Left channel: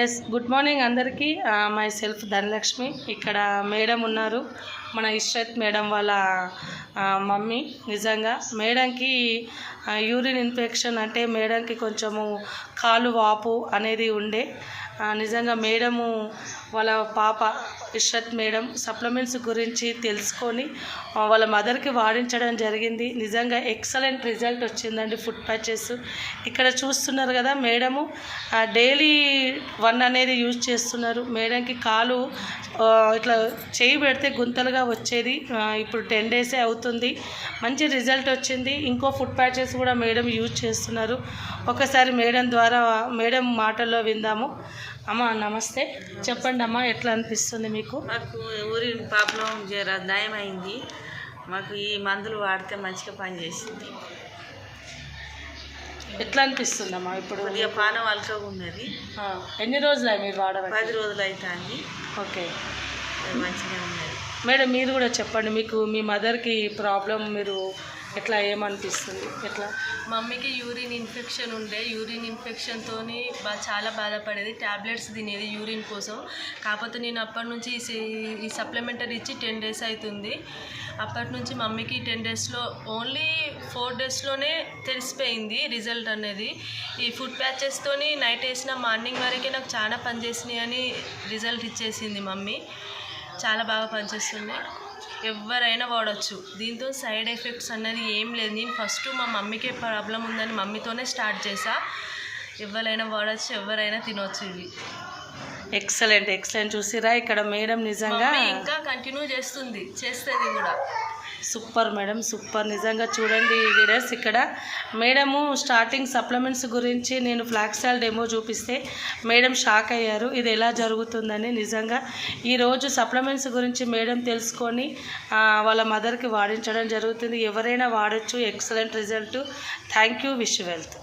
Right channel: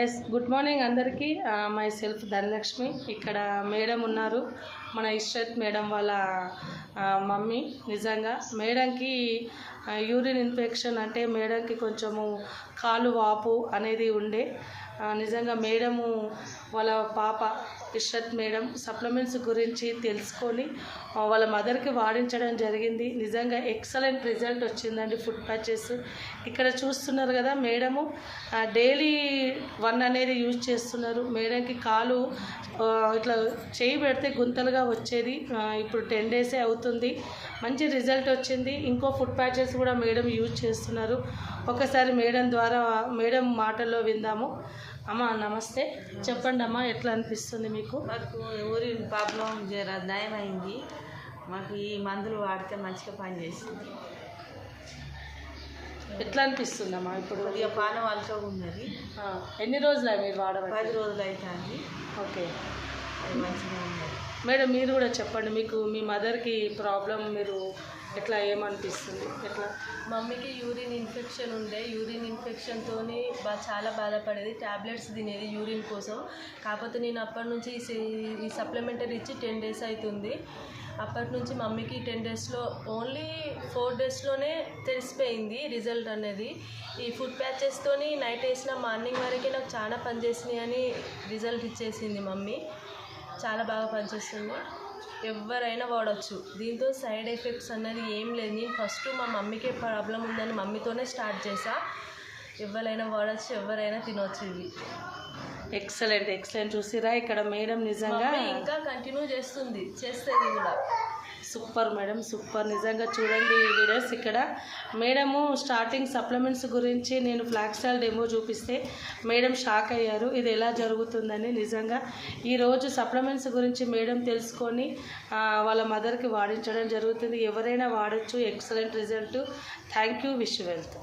Yes good morning అందరికీ. My self Dhanalakshmi. ఇక్కడ madam ఉన్నారు, మన ఇష్రత్ మేడం వాళ్ళ మమ్మీ. నిజంగా మేడంకి యూరిన్ ఇన్ఫెక్షన్ అంటే మేడంకి కొంచెము కాలు వాపు అనేది ఉండే. నిజంగా మేడము వాళ్ళ పాప ఇష్రత్ మేడం సప్లిమెంట్స్ గురించి తెలుసుకొని వాళ్ళ మదర్కి వాడించడం జరిగింది. నిజంగా ఎక్సలెంట్ రిజల్ట్ వచ్చిందండి. ఫుడ్ ప్యాచెస్ ఇక్కడ చూస్తున్నారు కదా, మేడము డైలీ 1 అనేది యూజ్ చేస్తున్నారు. మేడంకి కాలు ఇట్లా చేయి పెడితే గుంతలుగా వచ్చేది, ఇప్పుడు 10 డేసే అవుతుంది. మంచి రిజల్ట్ వచ్చింది. ఇంకో ఫుడ్ ప్యాచెస్ కూడా మేడం యూజ్ చేస్తున్నారు. ఒకసారి మేడం ద్వారా మేడం మాటల్లో విందాము. అమ్మ నమస్తే, చెప్పండి అమ్మ, ఎట్లా అనిపిస్తుంది మీకు? మాకు ఊరిన్ ప్రాబ్లం నయమైంది. మాకు ఈ మందులు వాడితే మంచిగా పనిచేసింది. ఎట్లా అనిపిస్తుంది అమ్మా ఇప్పుడు? కొద్దిగా పానం అలకగా ఉన్నది. ఎన్ని రోజులు మీరు వాడడం? 10 రోజులు అవుతుంది. ఓకే, మంచిగా ఉన్నది. మేడం మీరు కూడా చెప్పండి, మీకు మీ మదర్కి ప్రాబ్లం మీరు ఎట్లా ఏమనిపిస్తుంది? ఎట్లా? మమ్మీకి యూరిన్ ఇన్ఫెక్షన్ ఉండే. యూరిన్ ఇన్ఫెక్షన్తో చాలా బాధపడేది. ట్యాబ్లెట్స్ తినేది యూరిన్ కోసం. కాకపోతే నేను అప్పటి నుంచి ఈ సప్లిమెంటరీ ఇచ్చి 10 డేస్ అవుతుంది. అప్పటి నుంచి మమ్మీకి 10 డేస్లో ఓన్లీ 4 డేస్లోనే తెలిసిపోయింది రిజల్ట్ అనేది. ఈ ఫుడ్ ప్యాచెస్తో నైట్ వేసిన మార్నింగ్ వరకే నాకు చాలా పనిచేసినాయి అని రిజల్ట్ ఇచ్చేసింది మమ్మీ. చాలా బాగా పనిచేస్తుంది. ఎవరైనా వాడచ్చు. దీంతో సైడ్ ఎఫెక్ట్స్ అన్నది ఏం లేదు. నేను ఫస్ట్ మా మమ్మీకే ప్రాబ్లం ఉందని మమ్మీతోనే స్టార్ట్ చేసా. ఎవరైనా వాడచ్చు, ఎవరైనా తినవచ్చు. ఇవి ఎక్సలెంట్ ఎక్సలెంట్. చూసిరా ఇక్కడ మేడం నిజంగా ఇంకా కంటిన్యూ చేస్తుంది కూడా. Super madam, super. నిజంగా చూడండి వీడియోస్. ఇక్కడ మేడము స్టార్టింగ్ సప్లిమెంట్స్ గురించి నేను ఫ్లాక్సాల్ డెమో చూపిస్తే మేడం షాక్ అయ్యారు, ఇది ఎలా జరుగుతుందని. నిజంగా ఈరోజు సప్లిమెంట్స్ గురించి మేడం తెలుసుకొని వాళ్ళ మదర్కి వాడించడం జరుగుతుంది. ఎవరైనా వాడచ్చు. Excellent result. Thank you. Wish wealth.